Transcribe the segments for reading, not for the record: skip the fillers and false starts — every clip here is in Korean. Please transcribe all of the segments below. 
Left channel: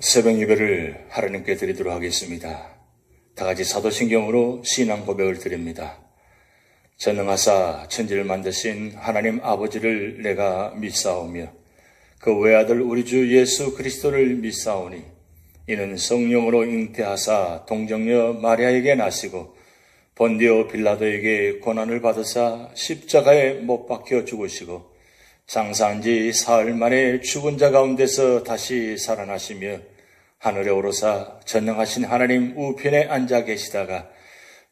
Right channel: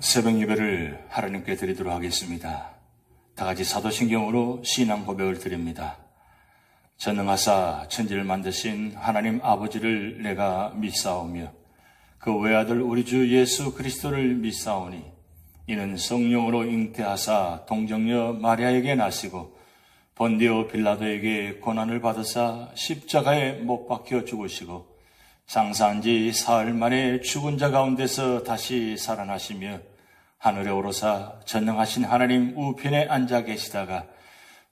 새벽 예배를 하나님께 드리도록 하겠습니다. 다 같이 사도신경으로 신앙 고백을 드립니다. 전능하사 천지를 만드신 하나님 아버지를 내가 믿사오며 그 외아들 우리 주 예수 그리스도를 믿사오니 이는 성령으로 잉태하사 동정녀 마리아에게 나시고 본디오 빌라도에게 고난을 받으사 십자가에 못 박혀 죽으시고 장사한 지 사흘 만에 죽은 자 가운데서 다시 살아나시며 하늘에 오르사 전능하신 하나님 우편에 앉아 계시다가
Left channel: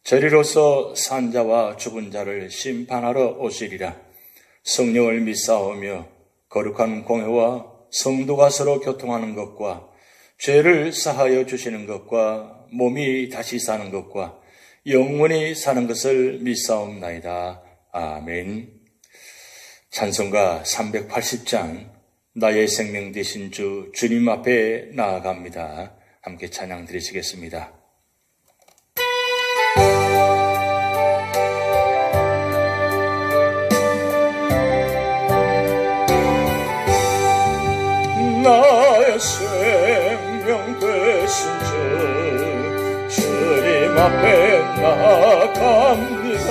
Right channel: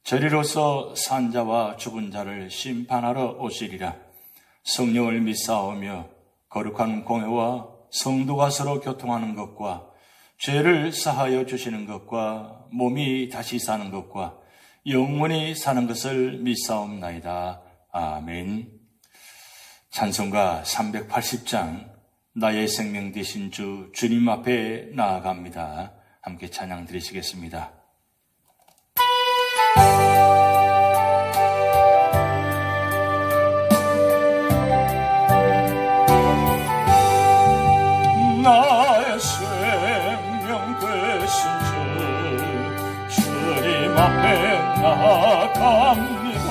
저리로서 산 자와 죽은 자를 심판하러 오시리라. 성령을 믿사오며 거룩한 공회와 성도가 서로 교통하는 것과 죄를 사하여 주시는 것과 몸이 다시 사는 것과 영원히 사는 것을 믿사옵나이다. 아멘. 찬송가 380장 나의 생명 되신 주 주님 앞에 나아갑니다. 함께 찬양 드리시겠습니다. 나의 생명 되신 주 주님 앞에 나아갑니다.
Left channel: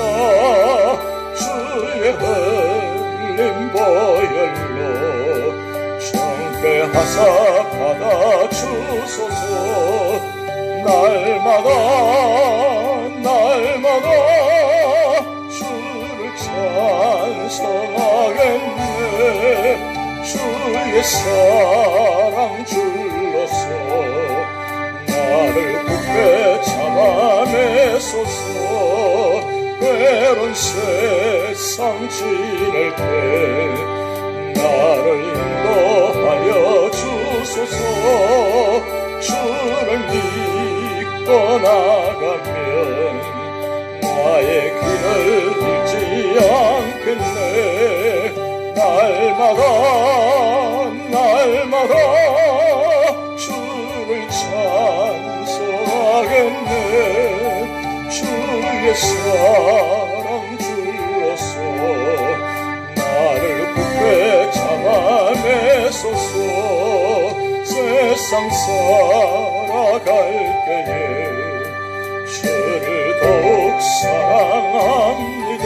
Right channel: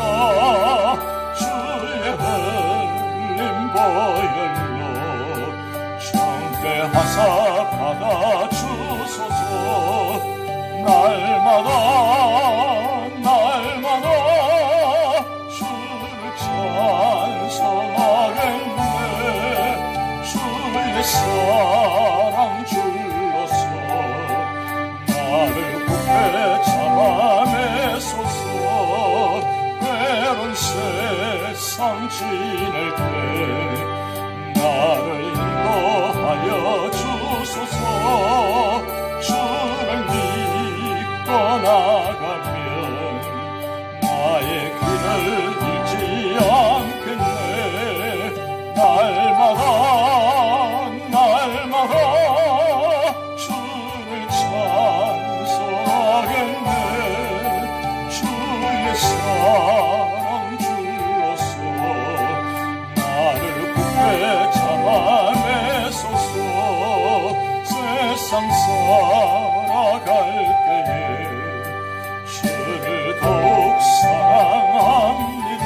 주의 흘린 보혈로 정죄하사 받아주소서. 날마다 주를 찬송하겠네. 주의 사랑 줄로서 나를 굳게 잡아내소서. 외로운 세상 지낼 때 나를 인도하여 주소서. 주를 믿고 나가면 나의 길을 잃지 않겠네. 날마다 주를 찬송하겠네. 주의 사랑 줄로서 나를 굳게 잡아내소서. 세상 살아갈 때에 주를 더욱 사랑합니다.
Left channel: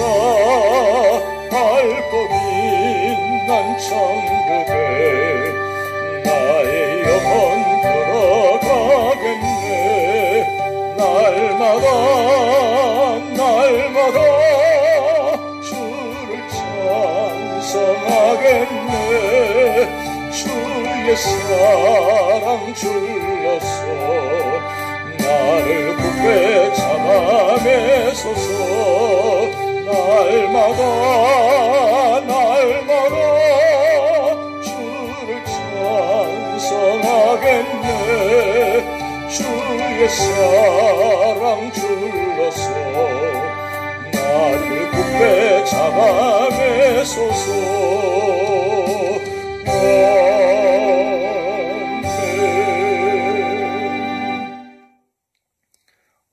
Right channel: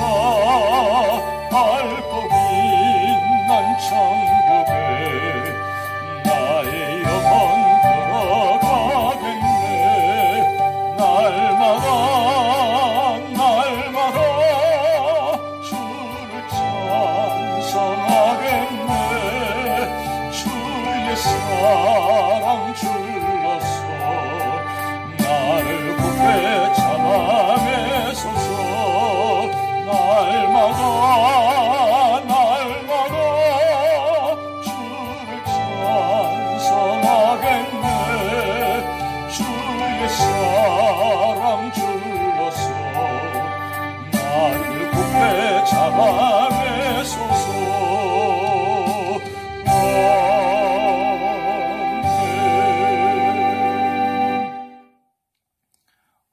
밝고 빛난 천국에 나의 영혼 걸어가겠네. 날마다 주를 찬송하겠네. 주의 사랑 줄로서 나를 굳게 잡아내소서. 날마다 주를 찬송하겠네. 주의 사랑 줄로서 나를 굳게 잡아내소서.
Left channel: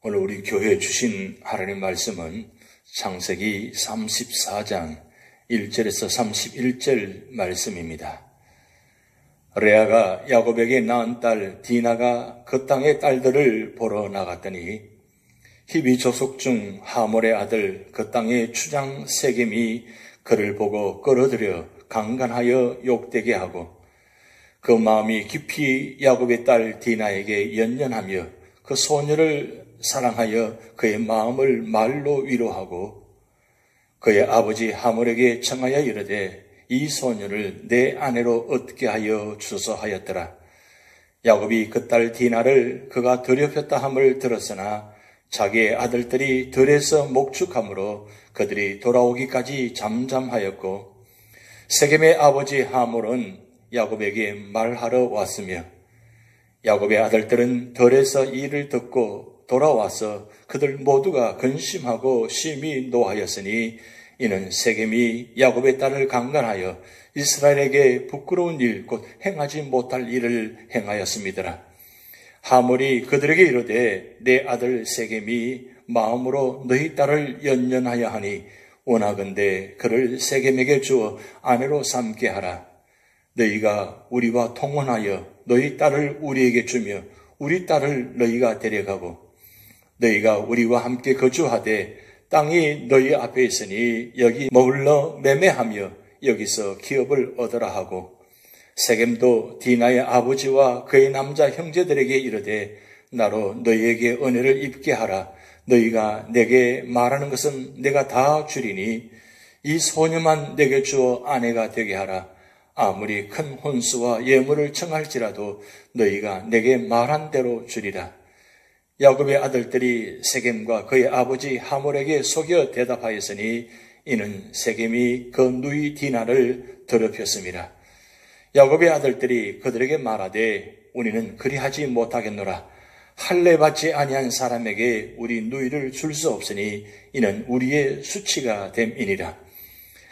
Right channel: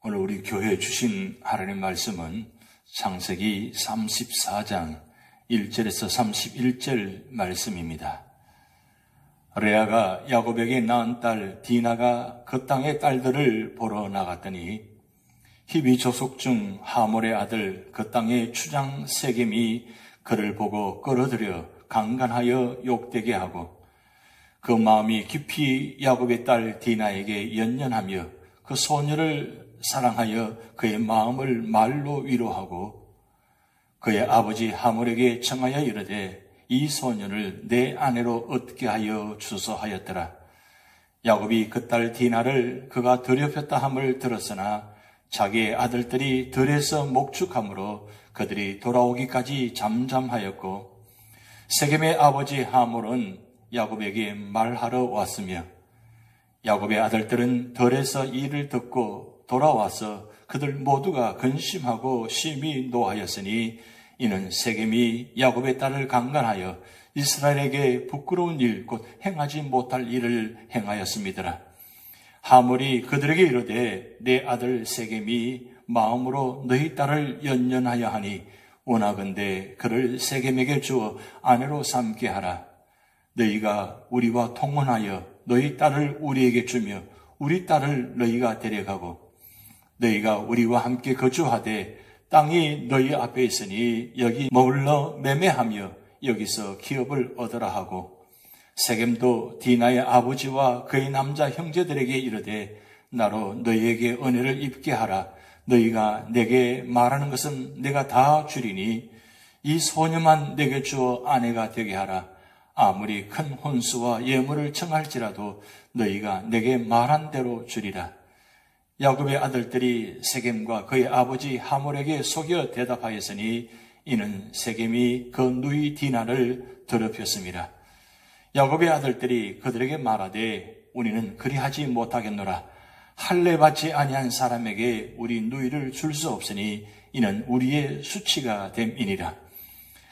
오늘 우리 교회에 주신 하나님 말씀은 창세기 34장 1절에서 31절 말씀입니다. 레아가 야곱에게 낳은 딸 디나가 그 땅의 딸들을 보러 나갔더니 히비 조속 중 하몰의 아들 그 땅의 추장 세겜이 그를 보고 끌어들여 강간하여 욕되게 하고 그 마음이 깊이 야곱의 딸 디나에게 연연하며 그 소녀를 사랑하여 그의 마음을 말로 위로하고 그의 아버지 하몰에게 청하여 이르되 이 소녀를 내 아내로 얻게 하여 주소 하였더라. 야곱이 그 딸 디나를 그가 더럽혔다 함을 들었으나 자기의 아들들이 들에서 목축함으로 그들이 돌아오기까지 잠잠하였고 세겜의 아버지 하몰은 야곱에게 말하러 왔으며 야곱의 아들들은 들에서 이를 듣고 돌아와서 그들 모두가 근심하고 심히 노하였으니 이는 세겜이 야곱의 딸을 강간하여 이스라엘에게 부끄러운 일 곧 행하지 못할 일을 행하였음이더라. 하몰이 그들에게 이르되 내 아들 세겜이 마음으로 너희 딸을 연연하여 하니 원하건대 그를 세겜에게 주어 아내로 삼게 하라. 너희가 우리와 통혼하여 너희 딸을 우리에게 주며 우리 딸을 너희가 데려가고 너희가 우리와 함께 거주하되 땅이 너희 앞에 있으니 여기 머물러 매매하며 여기서 기업을 얻으라 하고 세겜도 디나의 아버지와 그의 남자 형제들에게 이르되 나로 너희에게 은혜를 입게 하라. 너희가 내게 말하는 것은 내가 다 주리니 이 소녀만 내게 주어 아내가 되게 하라. 아무리 큰 혼수와 예물을 청할지라도 너희가 내게 말한 대로 주리라. 야곱의 아들들이 세겜과 그의 아버지 하몰에게 속여 대답하였으니 이는 세겜이 그 누이 디나를 더럽혔습니다. 야곱의 아들들이 그들에게 말하되 우리는 그리하지 못하겠노라. 할례 받지 아니한 사람에게 우리 누이를 줄 수 없으니 이는 우리의 수치가 됨이니라.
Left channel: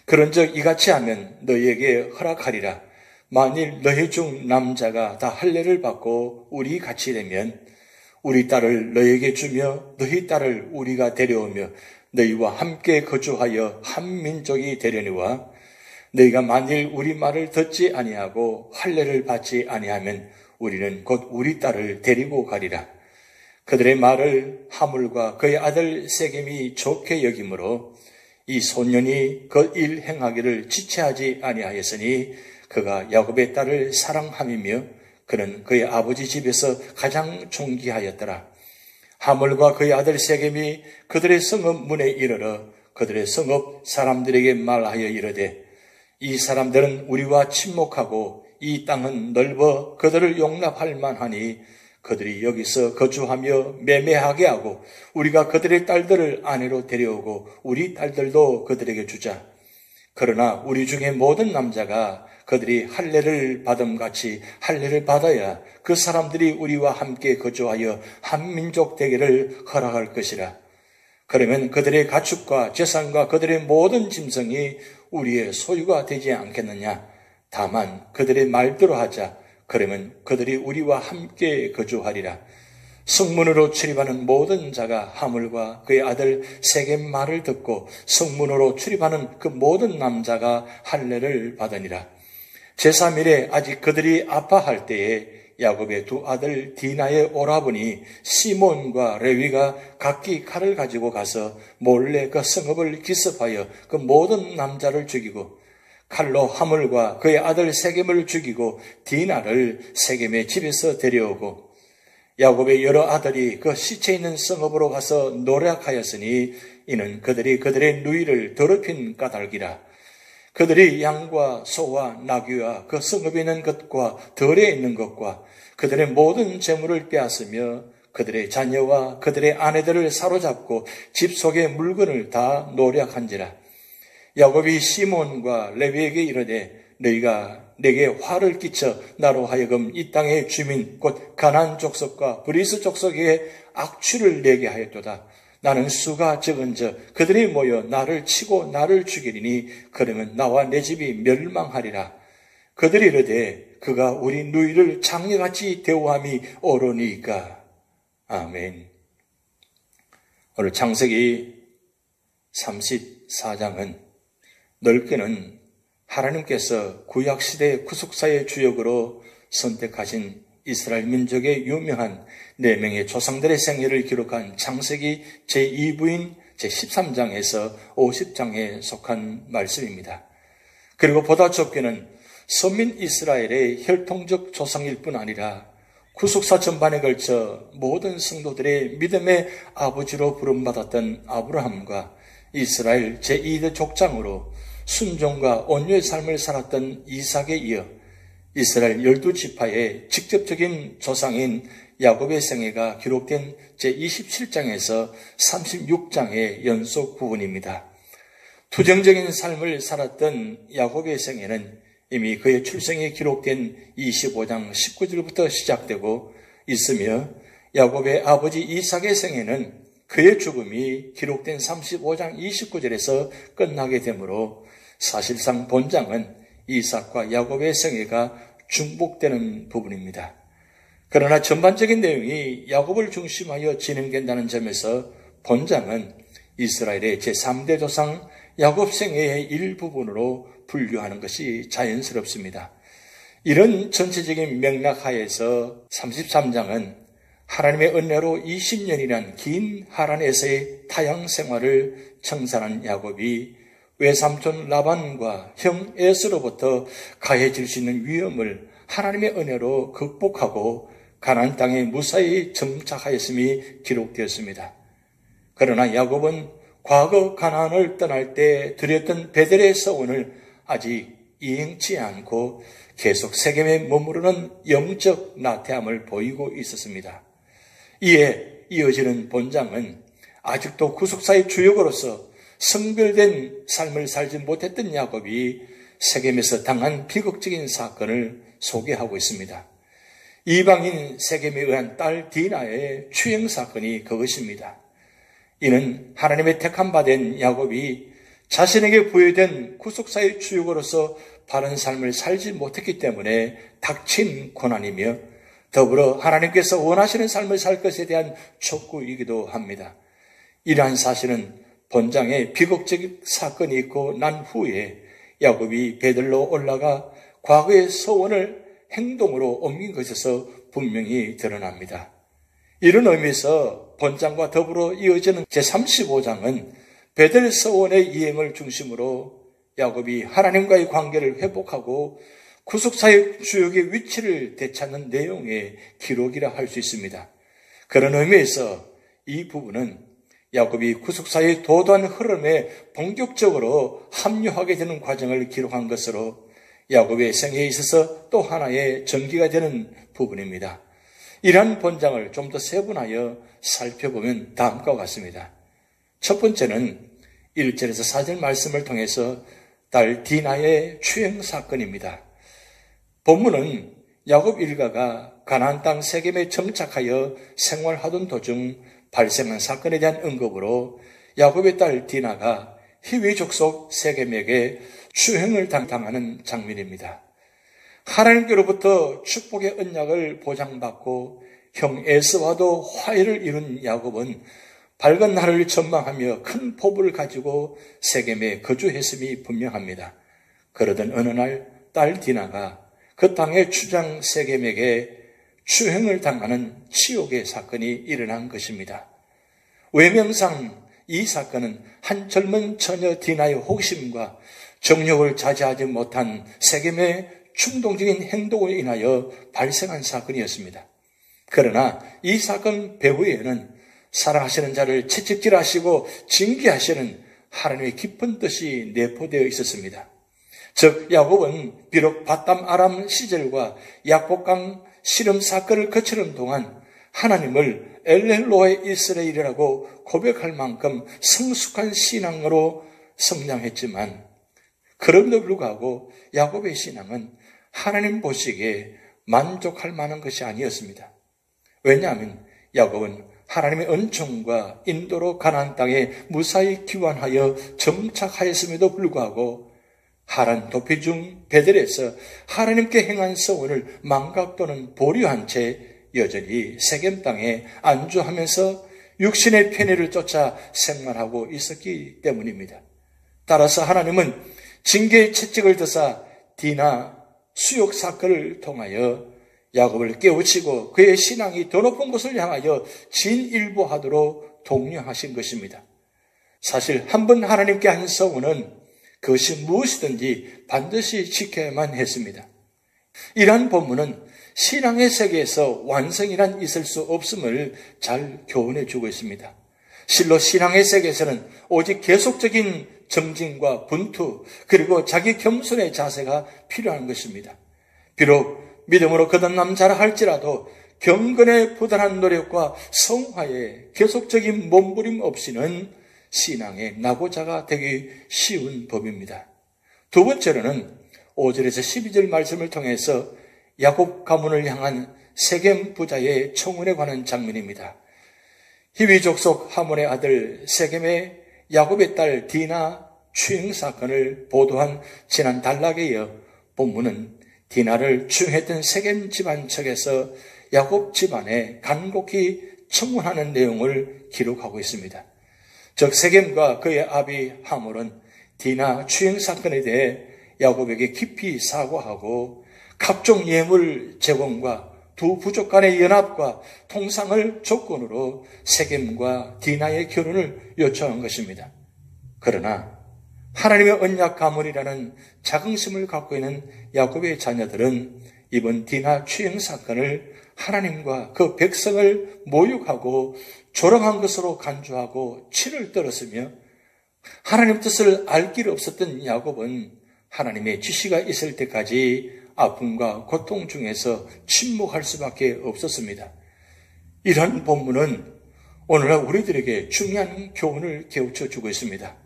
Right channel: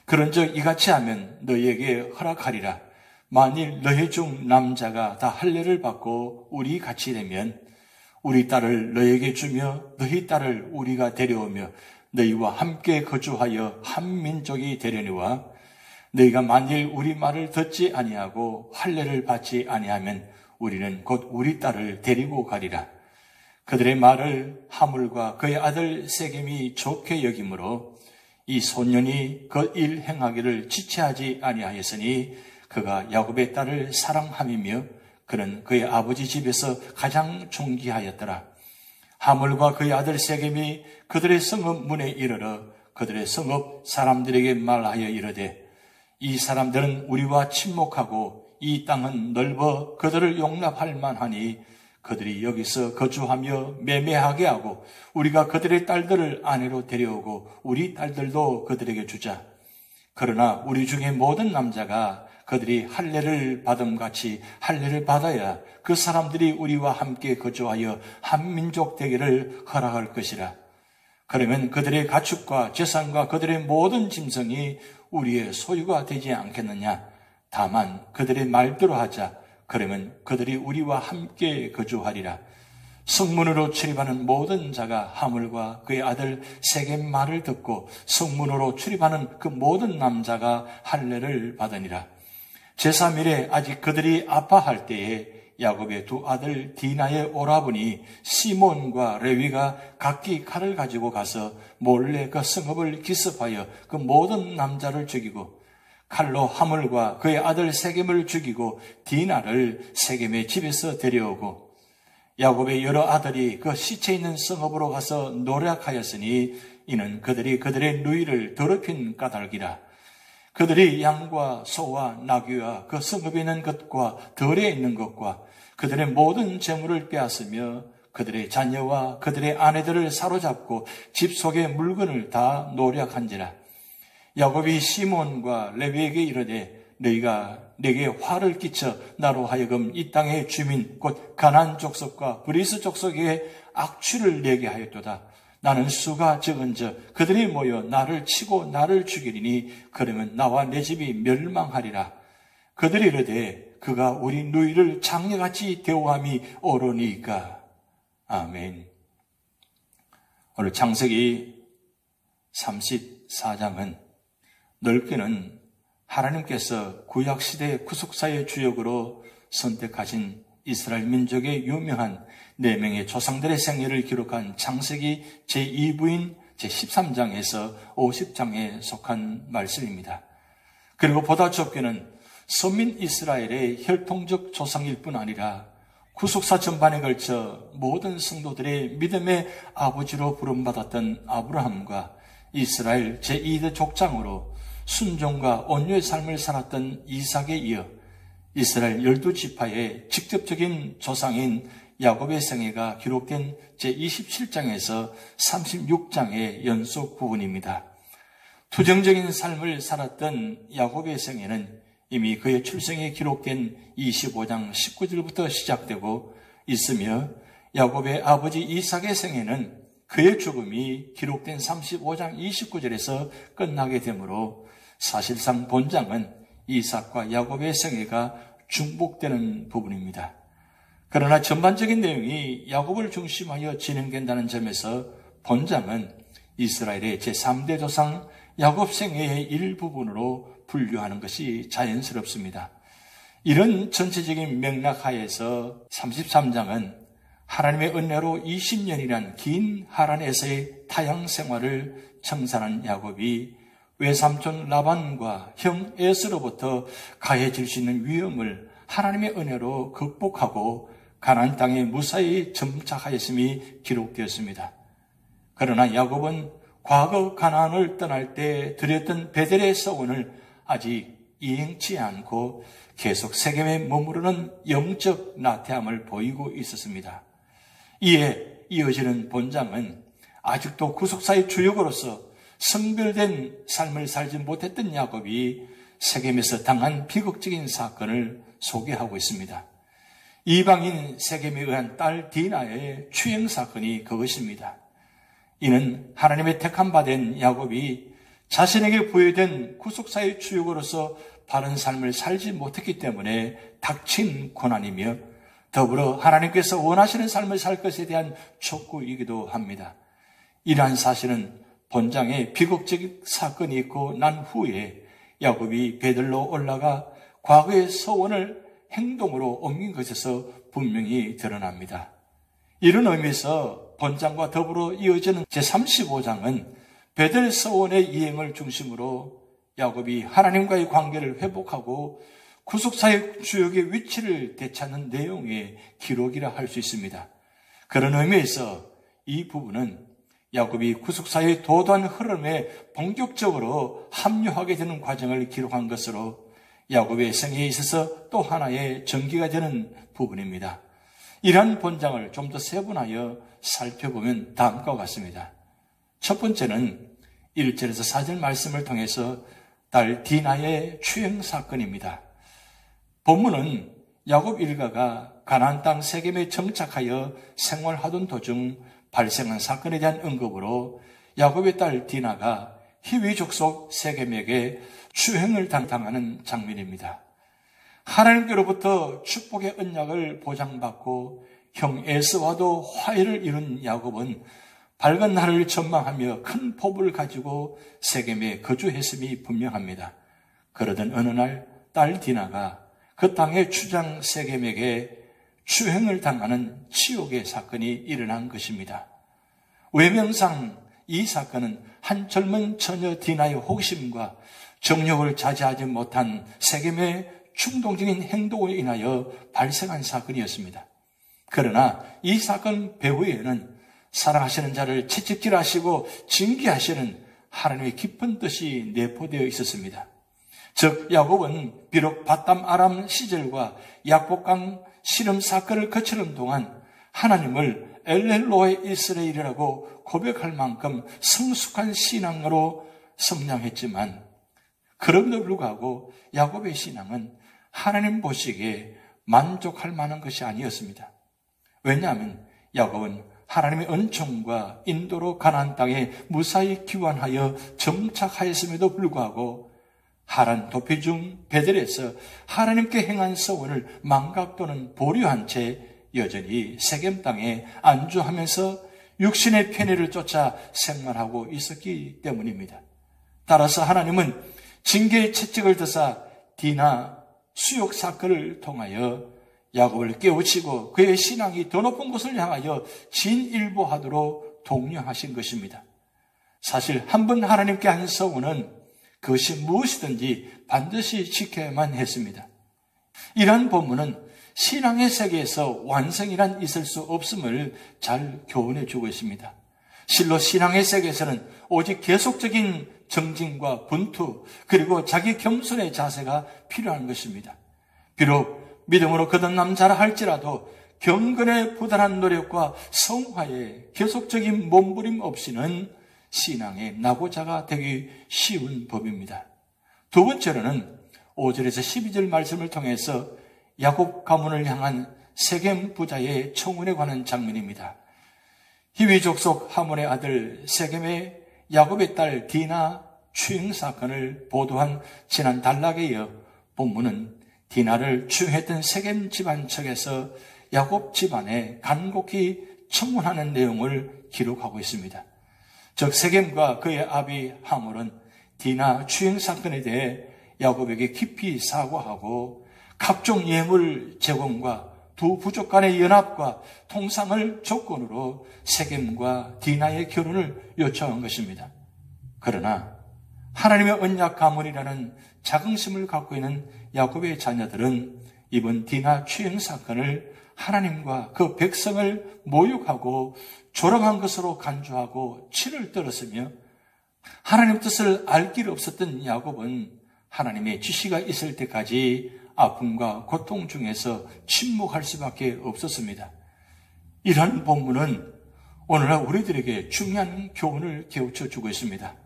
그런즉 이같이 하면 너희에게 허락하리라. 만일 너희 중 남자가 다 할례를 받고 우리 같이 되면 우리 딸을 너희에게 주며 너희 딸을 우리가 데려오며 너희와 함께 거주하여 한 민족이 되려니와 너희가 만일 우리 말을 듣지 아니하고 할례를 받지 아니하면 우리는 곧 우리 딸을 데리고 가리라. 그들의 말을 하물과 그의 아들 세겜이 좋게 여기므로 이 소년이 그 일 행하기를 지체하지 아니하였으니 그가 야곱의 딸을 사랑함이며 그는 그의 아버지 집에서 가장 존귀하였더라. 하물과 그의 아들 세겜이 그들의 성읍 문에 이르러 그들의 성읍 사람들에게 말하여 이르되 이 사람들은 우리와 친목하고 이 땅은 넓어 그들을 용납할 만하니 그들이 여기서 거주하며 매매하게 하고 우리가 그들의 딸들을 아내로 데려오고 우리 딸들도 그들에게 주자. 그러나 우리 중에 모든 남자가 그들이 할례를 받음같이 할례를 받아야 그 사람들이 우리와 함께 거주하여 한 민족 되기를 허락할 것이라. 그러면 그들의 가축과 재산과 그들의 모든 짐승이 우리의 소유가 되지 않겠느냐. 다만 그들의 말대로 하자. 그러면 그들이 우리와 함께 거주하리라. 성문으로 출입하는 모든 자가 하물과 그의 아들 세겜 말을 듣고 성문으로 출입하는 그 모든 남자가 할례를 받으니라. 제3일에 아직 그들이 아파할 때에 야곱의 두 아들 디나의 오라버니 시몬과 레위가 각기 칼을 가지고 가서 몰래 그 성읍을 기습하여 그 모든 남자를 죽이고 칼로 하물과 그의 아들 세겜을 죽이고 디나를 세겜의 집에서 데려오고 야곱의 여러 아들이 그 시체 있는 성읍으로 가서 노력하였으니 이는 그들이 그들의 누이를 더럽힌 까닭이라. 그들이 양과 소와 나귀와 그 성읍에 있는 것과 들에 있는 것과 그들의 모든 재물을 빼앗으며 그들의 자녀와 그들의 아내들을 사로잡고 집 속의 물건을 다 노력한지라. 야곱이 시몬과 레위에게 이르되 너희가 내게 화를 끼쳐 나로 하여금 이 땅의 주민 곧 가나안 족속과 브리스 족속에게 악취를 내게 하였도다. 나는 수가 적은즉 그들이 모여 나를 치고 나를 죽이리니 그러면 나와 내 집이 멸망하리라. 그들이 이르되 그가 우리 누이를 장녀같이 대우함이 옳으니까. 아멘. 오늘 창세기 34장은 넓게는 하나님께서 구약시대의 구속사의 주역으로 선택하신 이스라엘 민족의 유명한 4명의 조상들의 생애를 기록한 창세기 제2부인 제13장에서 50장에 속한 말씀입니다. 그리고 보다 좁게는 서민 이스라엘의 혈통적 조상일 뿐 아니라 구속사 전반에 걸쳐 모든 성도들의 믿음의 아버지로 부름받았던 아브라함과 이스라엘 제2대 족장으로 순종과 온유의 삶을 살았던 이삭에 이어 이스라엘 12지파의 직접적인 조상인 야곱의 생애가 기록된 제27장에서 36장의 연속 부분입니다. 투정적인 삶을 살았던 야곱의 생애는 이미 그의 출생에 기록된 25장 19절부터 시작되고 있으며 야곱의 아버지 이삭의 생애는 그의 죽음이 기록된 35장 29절에서 끝나게 되므로 사실상 본장은 이삭과 야곱의 생애가 중복되는 부분입니다. 그러나 전반적인 내용이 야곱을 중심하여 진행된다는 점에서 본장은 이스라엘의 제3대 조상 야곱 생애의 일부분으로 분류하는 것이 자연스럽습니다. 이런 전체적인 맥락 하에서 33장은 하나님의 은혜로 20년이란 긴 하란에서의 타향 생활을 청산한 야곱이 외삼촌 라반과 형 에스로부터 가해질 수 있는 위험을 하나님의 은혜로 극복하고 가나안 땅에 무사히 정착하였음이 기록되었습니다. 그러나 야곱은 과거 가나안을 떠날 때 드렸던 베델의 서원을 아직 이행치 않고 계속 세겜에 머무르는 영적 나태함을 보이고 있었습니다. 이에 이어지는 본장은 아직도 구속사의 주역으로서 성별된 삶을 살지 못했던 야곱이 세겜에서 당한 비극적인 사건을 소개하고 있습니다. 이방인 세겜에 의한 딸 디나의 추행 사건이 그것입니다. 이는 하나님의 택함 받은 야곱이 자신에게 부여된 구속사의 주역으로서 바른 삶을 살지 못했기 때문에 닥친 고난이며 더불어 하나님께서 원하시는 삶을 살 것에 대한 촉구이기도 합니다. 이러한 사실은 본장에 비극적 사건이 있고 난 후에 야곱이 베들로 올라가 과거의 서원을 행동으로 옮긴 것에서 분명히 드러납니다. 이런 의미에서 본장과 더불어 이어지는 제35장은 베들 서원의 이행을 중심으로 야곱이 하나님과의 관계를 회복하고 구속사의 주역의 위치를 되찾는 내용의 기록이라 할 수 있습니다. 그런 의미에서 이 부분은 야곱이 구속사의 도도한 흐름에 본격적으로 합류하게 되는 과정을 기록한 것으로 야곱의 생애에 있어서 또 하나의 전기가 되는 부분입니다. 이러한 본장을 좀 더 세분하여 살펴보면 다음과 같습니다. 첫 번째는 1절에서 4절 말씀을 통해서 딸 디나의 추행 사건입니다. 본문은 야곱 일가가 가나안 땅 세겜에 정착하여 생활하던 도중 발생한 사건에 대한 언급으로 야곱의 딸 디나가 히위 족속 세겜에게 추행을 당하는 장면입니다. 하나님께로부터 축복의 언약을 보장받고 형 에스와도 화해를 이룬 야곱은 밝은 날을 전망하며 큰 포부를 가지고 세겜에 거주했음이 분명합니다. 그러던 어느 날 딸 디나가 그 땅의 주장 세겜에게 추행을 당하는 치욕의 사건이 일어난 것입니다. 외명상 이 사건은 한 젊은 처녀 디나의 호기심과 정욕을 자제하지 못한 세겜의 충동적인 행동으로 인하여 발생한 사건이었습니다. 그러나 이 사건 배후에는 사랑하시는 자를 채찍질하시고 징계하시는 하나님의 깊은 뜻이 내포되어 있었습니다. 즉 야곱은 비록 바담 아람 시절과 약복강 씨름 사건을 거치는 동안 하나님을 엘렐로의 이스라엘이라고 고백할 만큼 성숙한 신앙으로 성장했지만 그럼에도 불구하고 야곱의 신앙은 하나님 보시기에 만족할 만한 것이 아니었습니다. 왜냐하면 야곱은 하나님의 은총과 인도로 가나안 땅에 무사히 귀환하여 정착하였음에도 불구하고 하란 도피 중 베델에서 하나님께 행한 서원을 망각 또는 보류한 채 여전히 세겜 땅에 안주하면서 육신의 편의를 쫓아 생활하고 있었기 때문입니다. 따라서 하나님은 징계의 채찍을 드사 디나 수욕 사건을 통하여 야곱을 깨우치고 그의 신앙이 더 높은 곳을 향하여 진일보하도록 독려하신 것입니다. 사실 한 번 하나님께 한 서원은 그것이 무엇이든지 반드시 지켜야만 했습니다. 이러한 본문은 신앙의 세계에서 완성이란 있을 수 없음을 잘 교훈해 주고 있습니다. 실로 신앙의 세계에서는 오직 계속적인 정진과 분투 그리고 자기 겸손의 자세가 필요한 것입니다. 비록 믿음으로 거듭남 자라 할지라도 경건의 부단한 노력과 성화에 계속적인 몸부림 없이는 신앙의 낙오자가 되기 쉬운 법입니다. 두 번째로는 5절에서 12절 말씀을 통해서 야곱 가문을 향한 세겜 부자의 청혼에 관한 장면입니다. 히위 족속 하몬의 아들 세겜의 야곱의 딸 디나 추행 사건을 보도한 지난 단락에 이어 본문은 디나를 추행했던 세겜 집안 측에서 야곱 집안에 간곡히 청혼하는 내용을 기록하고 있습니다. 즉 세겜과 그의 아비 하몰은 디나 추행 사건에 대해 야곱에게 깊이 사과하고 각종 예물 제공과 두 부족 간의 연합과 통상을 조건으로 세겜과 디나의 결혼을 요청한 것입니다. 그러나 하나님의 언약 가문이라는 자긍심을 갖고 있는 야곱의 자녀들은 이번 디나 추행 사건을 하나님과 그 백성을 모욕하고 조롱한 것으로 간주하고 치를 떨었으며, 하나님 뜻을 알 길 없었던 야곱은 하나님의 지시가 있을 때까지 아픔과 고통 중에서 침묵할 수밖에 없었습니다. 이런 본문은 오늘날 우리들에게 중요한 교훈을 깨우쳐 주고 있습니다.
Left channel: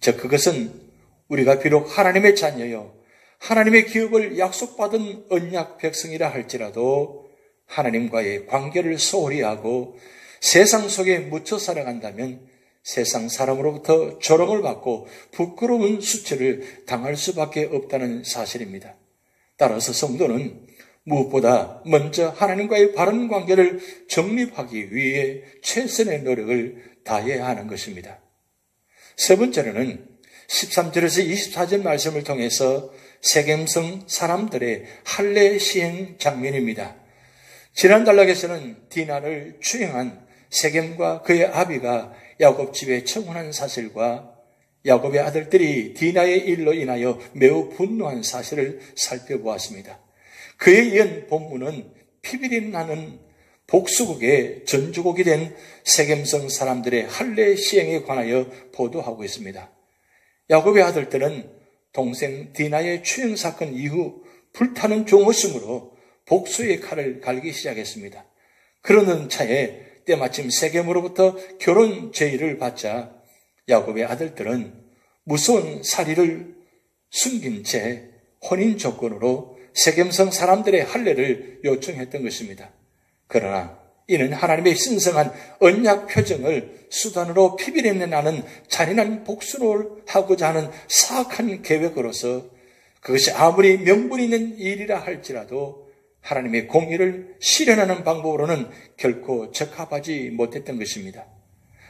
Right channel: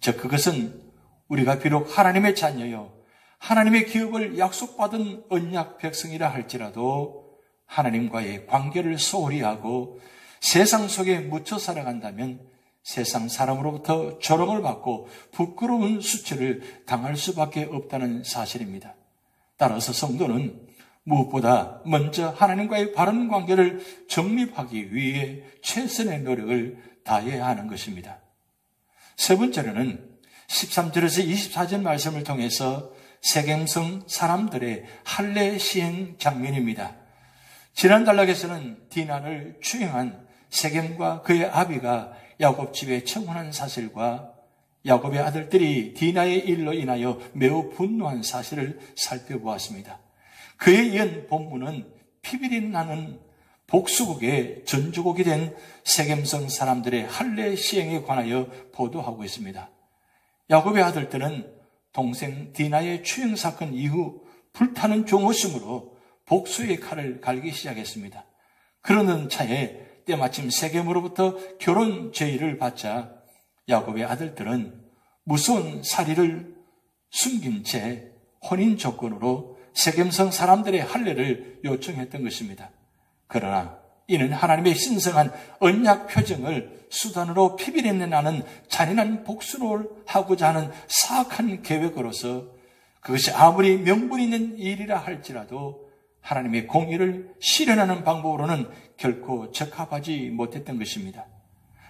즉, 그것은 우리가 비록 하나님의 자녀요, 하나님의 기업을 약속받은 언약 백성이라 할지라도 하나님과의 관계를 소홀히 하고 세상 속에 묻혀 살아간다면 세상 사람으로부터 조롱을 받고 부끄러운 수치를 당할 수밖에 없다는 사실입니다. 따라서 성도는 무엇보다 먼저 하나님과의 바른 관계를 정립하기 위해 최선의 노력을 다해야 하는 것입니다. 세 번째로는 13절에서 24절 말씀을 통해서 세겜성 사람들의 할례 시행 장면입니다. 지난 단락에서는 디나를 추행한 세겜과 그의 아비가 야곱 집에 청혼한 사실과 야곱의 아들들이 디나의 일로 인하여 매우 분노한 사실을 살펴보았습니다. 그에 이은 본문은 피비린 나는 복수국의 전주국이 된 세겜성 사람들의 할례 시행에 관하여 보도하고 있습니다. 야곱의 아들들은 동생 디나의 추행 사건 이후 불타는 종호심으로 복수의 칼을 갈기 시작했습니다. 그러는 차에 때마침 세겜으로부터 결혼 제의를 받자 야곱의 아들들은 무서운 살이를 숨긴 채 혼인 조건으로 세겜성 사람들의 할례를 요청했던 것입니다. 그러나 이는 하나님의 신성한 언약 표정을 수단으로 피비린내 나는 잔인한 복수를 하고자 하는 사악한 계획으로서 그것이 아무리 명분 있는 일이라 할지라도 하나님의 공의를 실현하는 방법으로는 결코 적합하지 못했던 것입니다.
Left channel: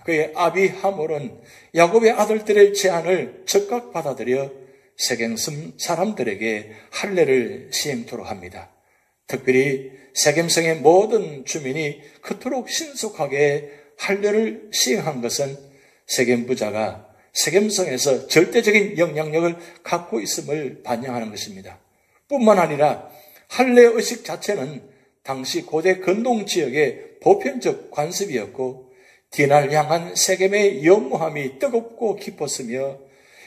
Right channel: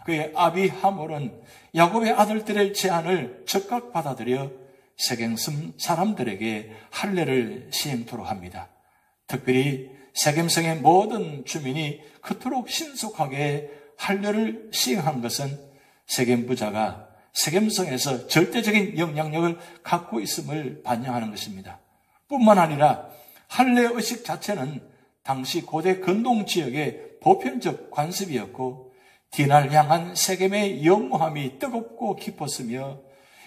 그의 아비 하몰은 야곱의 아들들의 제안을 적극 받아들여 세겜성 사람들에게 할례를 시행토록 합니다. 특별히 세겜성의 모든 주민이 그토록 신속하게 할례를 시행한 것은 세겜 부자가 세겜성에서 절대적인 영향력을 갖고 있음을 반영하는 것입니다. 뿐만 아니라 할례 의식 자체는 당시 고대 근동 지역의 보편적 관습이었고 디나를 향한 세겜의 영무함이 뜨겁고 깊었으며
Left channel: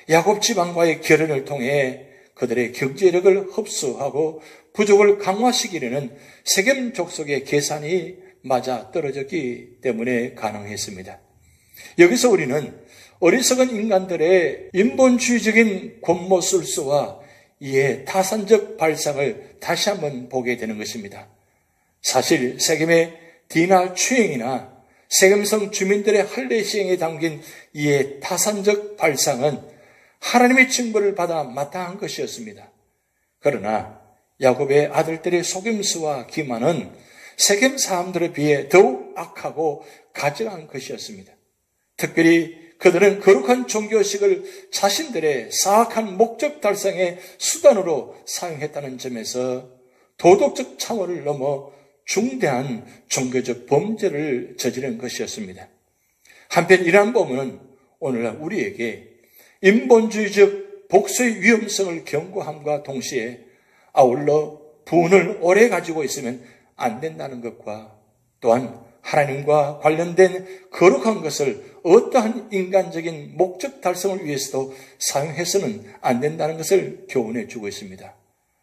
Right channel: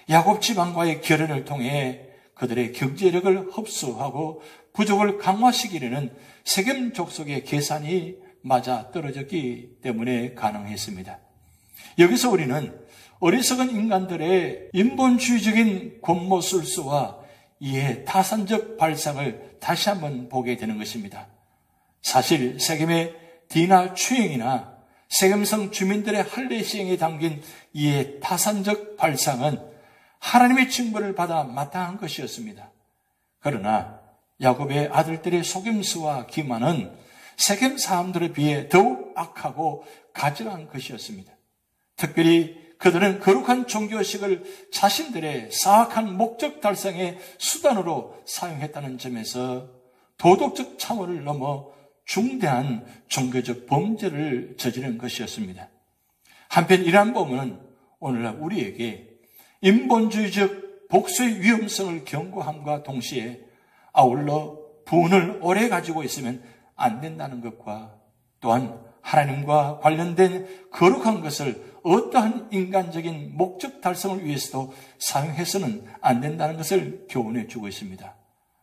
야곱 지방과의 결연을 통해 그들의 경제력을 흡수하고 부족을 강화시키려는 세겜 족속의 계산이 맞아 떨어졌기 때문에 가능했습니다. 여기서 우리는 어리석은 인간들의 인본주의적인 권모술수와 이에 타산적 발상을 다시 한번 보게 되는 것입니다. 사실 세겜의 디나 추행이나 세겜성 주민들의 할례 시행에 담긴 이에 타산적 발상은 하나님의 징벌을 받아 마땅한 것이었습니다. 그러나 야곱의 아들들의 속임수와 기만은 세겜 사람들에 비해 더욱 악하고 가증한 것이었습니다. 특별히 그들은 거룩한 종교식을 자신들의 사악한 목적 달성의 수단으로 사용했다는 점에서 도덕적 차원을 넘어 중대한 종교적 범죄를 저지른 것이었습니다. 한편 이러한 본문은 오늘날 우리에게 인본주의적 복수의 위험성을 경고함과 동시에 아울러 부은을 오래 가지고 있으면 안 된다는 것과 또한 하나님과 관련된 거룩한 것을 어떠한 인간적인 목적 달성을 위해서도 사용해서는 안 된다는 것을 교훈해 주고 있습니다.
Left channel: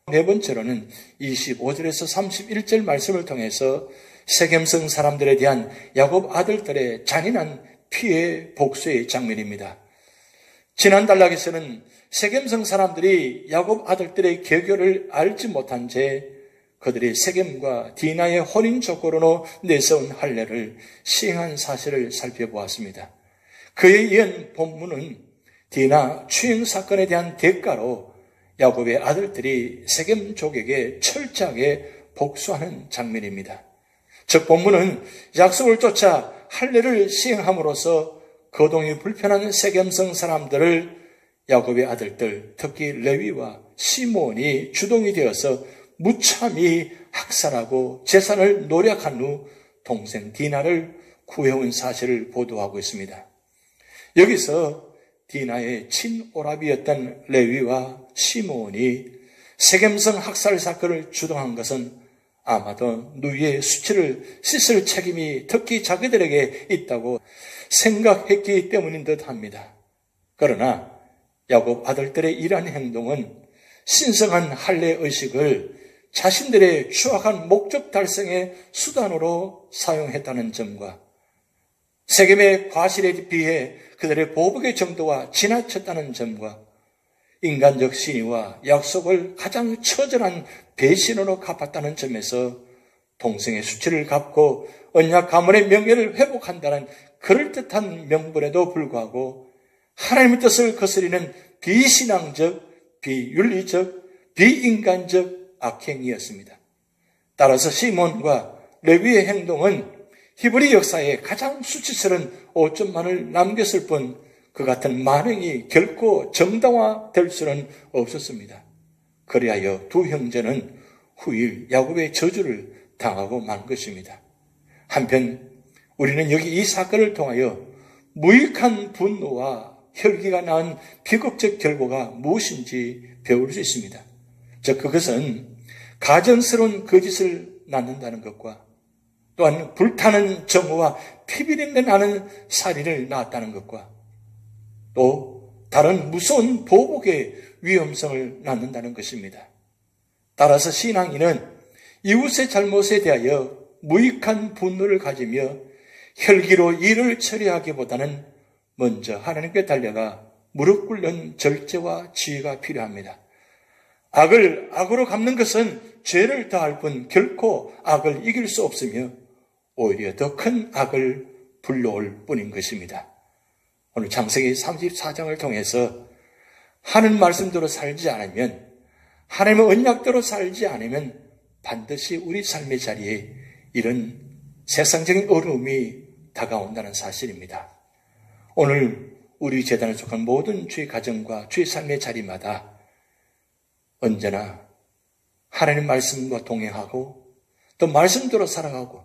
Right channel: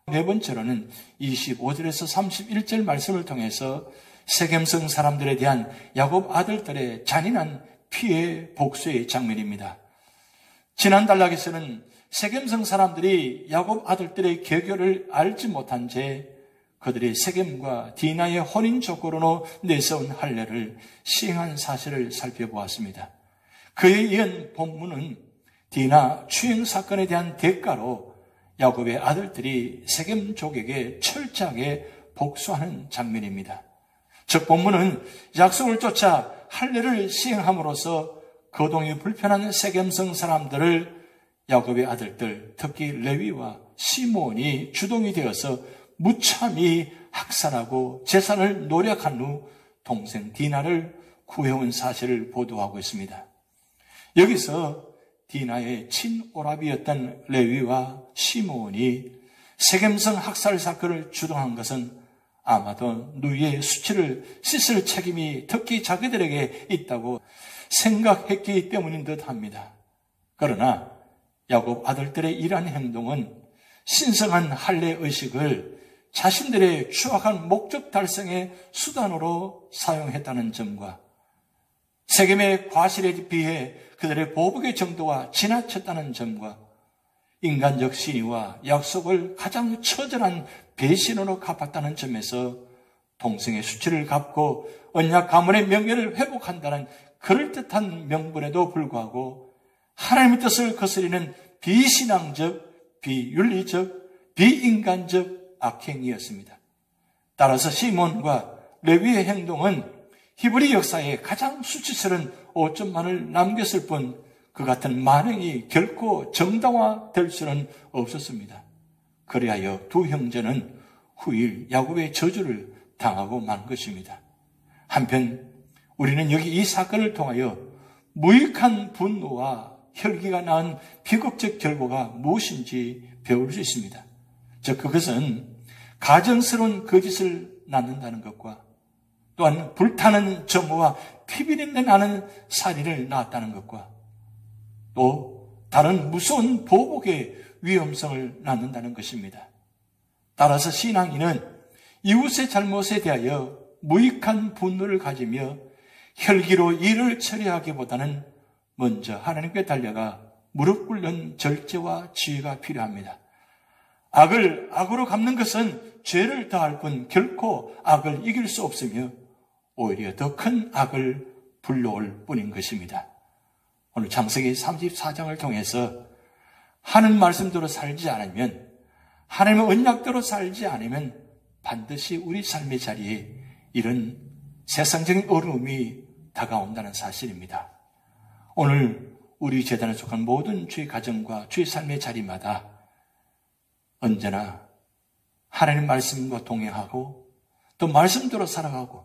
네 번째로는 25절에서 31절 말씀을 통해서 세겜성 사람들에 대한 야곱 아들들의 잔인한 피해 복수의 장면입니다. 지난 단락에서는 세겜성 사람들이 야곱 아들들의 계교를 알지 못한 채 그들이 세겜과 디나의 혼인 조건으로 내세운 할례를 시행한 사실을 살펴보았습니다. 그에 이은 본문은 디나 추행 사건에 대한 대가로 야곱의 아들들이 세겜족에게 철저하게 복수하는 장면입니다. 즉 본문은 약속을 쫓아 할례를 시행함으로써 거동이 불편한 세겜성 사람들을 야곱의 아들들, 특히 레위와 시므온이 주동이 되어서 무참히 학살하고 재산을 노력한 후 동생 디나를 구해온 사실을 보도하고 있습니다. 여기서 디나의 친오라비였던 레위와 시므온이 세겜성 학살 사건을 주동한 것은 아마도 누이의 수치를 씻을 책임이 특히 자기들에게 있다고 생각했기 때문인 듯 합니다. 그러나 야곱 아들들의 이러한 행동은 신성한 할례 의식을 자신들의 추악한 목적 달성의 수단으로 사용했다는 점과 세겜의 과실에 비해 그들의 보복의 정도가 지나쳤다는 점과 인간적 신의와 약속을 가장 처절한 배신으로 갚았다는 점에서 동생의 수치를 갚고 언약 가문의 명예를 회복한다는 그럴듯한 명분에도 불구하고 하나님의 뜻을 거스리는 비신앙적, 비윤리적, 비인간적 악행이었습니다. 따라서 시몬과 레위의 행동은 히브리 역사에 가장 수치스러운 오점만을 남겼을 뿐 그 같은 만행이 결코 정당화될 수는 없었습니다. 그리하여 두 형제는 후일 야곱의 저주를 당하고 만 것입니다. 한편 우리는 여기 이 사건을 통하여 무익한 분노와 혈기가 낳은 비극적 결과가 무엇인지 배울 수 있습니다. 즉 그것은 가증스러운 거짓을 낳는다는 것과 또한 불타는 정오와 피비린내 나는 살인을 낳았다는 것과 또 다른 무서운 보복의 위험성을 낳는다는 것입니다. 따라서 신앙인은 이웃의 잘못에 대하여 무익한 분노를 가지며 혈기로 일을 처리하기보다는 먼저 하나님께 달려가 무릎 꿇는 절제와 지혜가 필요합니다. 악을 악으로 갚는 것은 죄를 더할 뿐 결코 악을 이길 수 없으며 오히려 더 큰 악을 불러올 뿐인 것입니다. 오늘 창세기 34장을 통해서 하는 말씀대로 살지 않으면, 하나님의 언약대로 살지 않으면 반드시 우리 삶의 자리에 이런 세상적인 어려움이 다가온다는 사실입니다. 오늘 우리 재단에 속한 모든 주의 가정과 주의 삶의 자리마다 언제나 하나님 말씀과 동행하고 또 말씀대로 살아가고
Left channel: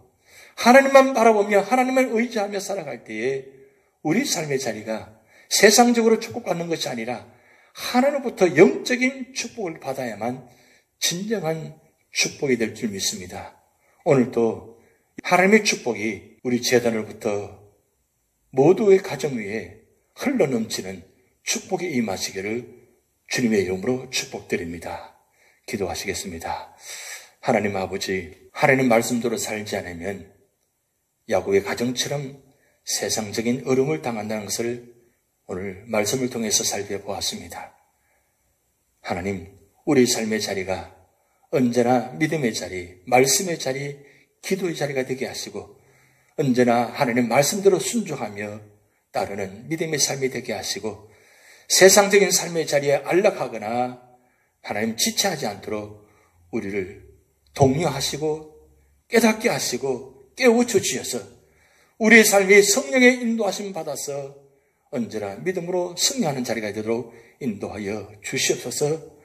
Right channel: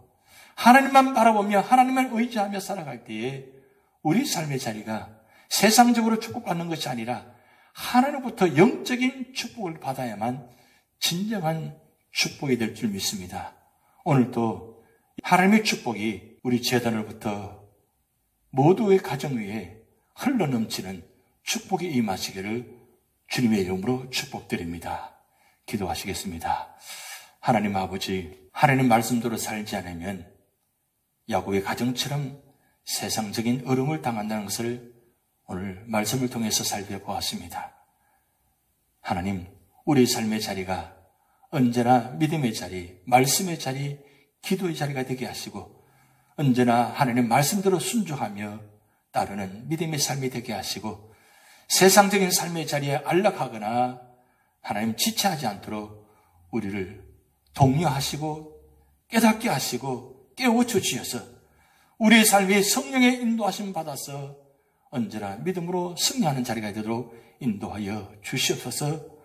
하나님만 바라보며 하나님만 의지하며 살아갈 때에 우리 삶의 자리가 세상적으로 축복받는 것이 아니라 하나님부터 영적인 축복을 받아야만 진정한 축복이 될 줄 믿습니다. 오늘도 하나님의 축복이 우리 재단으로부터 모두의 가정 위에 흘러넘치는 축복이 임하시기를 주님의 이름으로 축복드립니다. 기도하시겠습니다. 하나님 아버지, 하나님 말씀대로 살지 않으면 야곱의 가정처럼 세상적인 어려움을 당한다는 것을 오늘 말씀을 통해서 살펴보았습니다. 하나님, 우리 삶의 자리가 언제나 믿음의 자리, 말씀의 자리, 기도의 자리가 되게 하시고 언제나 하나님 말씀대로 순종하며 따르는 믿음의 삶이 되게 하시고 세상적인 삶의 자리에 안락하거나 하나님 지체하지 않도록 우리를 독려하시고 깨닫게 하시고 깨우쳐 주셔서 우리의 삶이 성령의 인도하심 받아서 언제나 믿음으로 승리하는 자리가 되도록 인도하여 주시옵소서.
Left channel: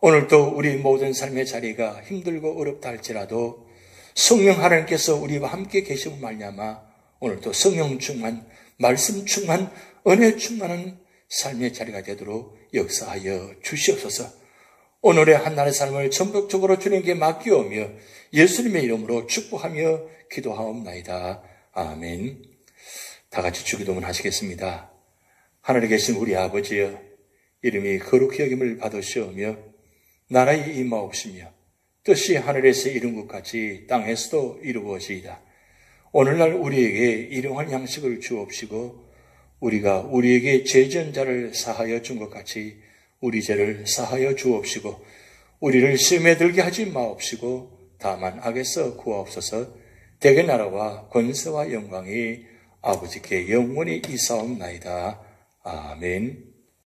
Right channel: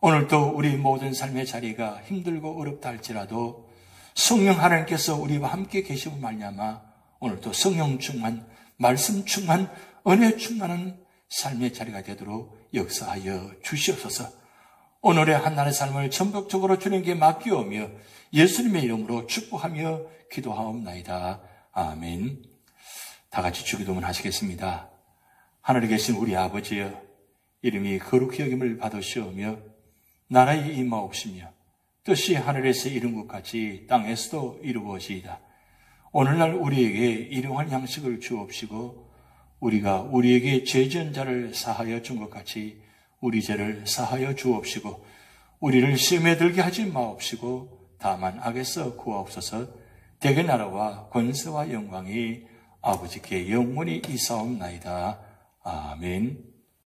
오늘도 우리 모든 삶의 자리가 힘들고 어렵다 할지라도 성령 하나님께서 우리와 함께 계시고 말미암아 오늘도 성령 충만, 말씀 충만, 은혜 충만한 삶의 자리가 되도록 역사하여 주시옵소서. 오늘의 한날의 삶을 전폭적으로 주님께 맡기오며 예수님의 이름으로 축복하며 기도하옵나이다. 아멘. 다 같이 주기도문 하시겠습니다. 하늘에 계신 우리 아버지여, 이름이 거룩히 여김을 받으시오며 나라의 임하옵시며 뜻이 하늘에서 이룬 것 같이 땅에서도 이루어지이다. 오늘날 우리에게 일용할 양식을 주옵시고 우리가 우리에게 죄 지은 자를 사하여 준 것 같이 우리 죄를 사하여 주옵시고 우리를 시험에 들게 하지 마옵시고 다만 악에서 구하옵소서. 대개 나라와 권세와 영광이 아버지께 영원히 이사옵나이다. 아멘.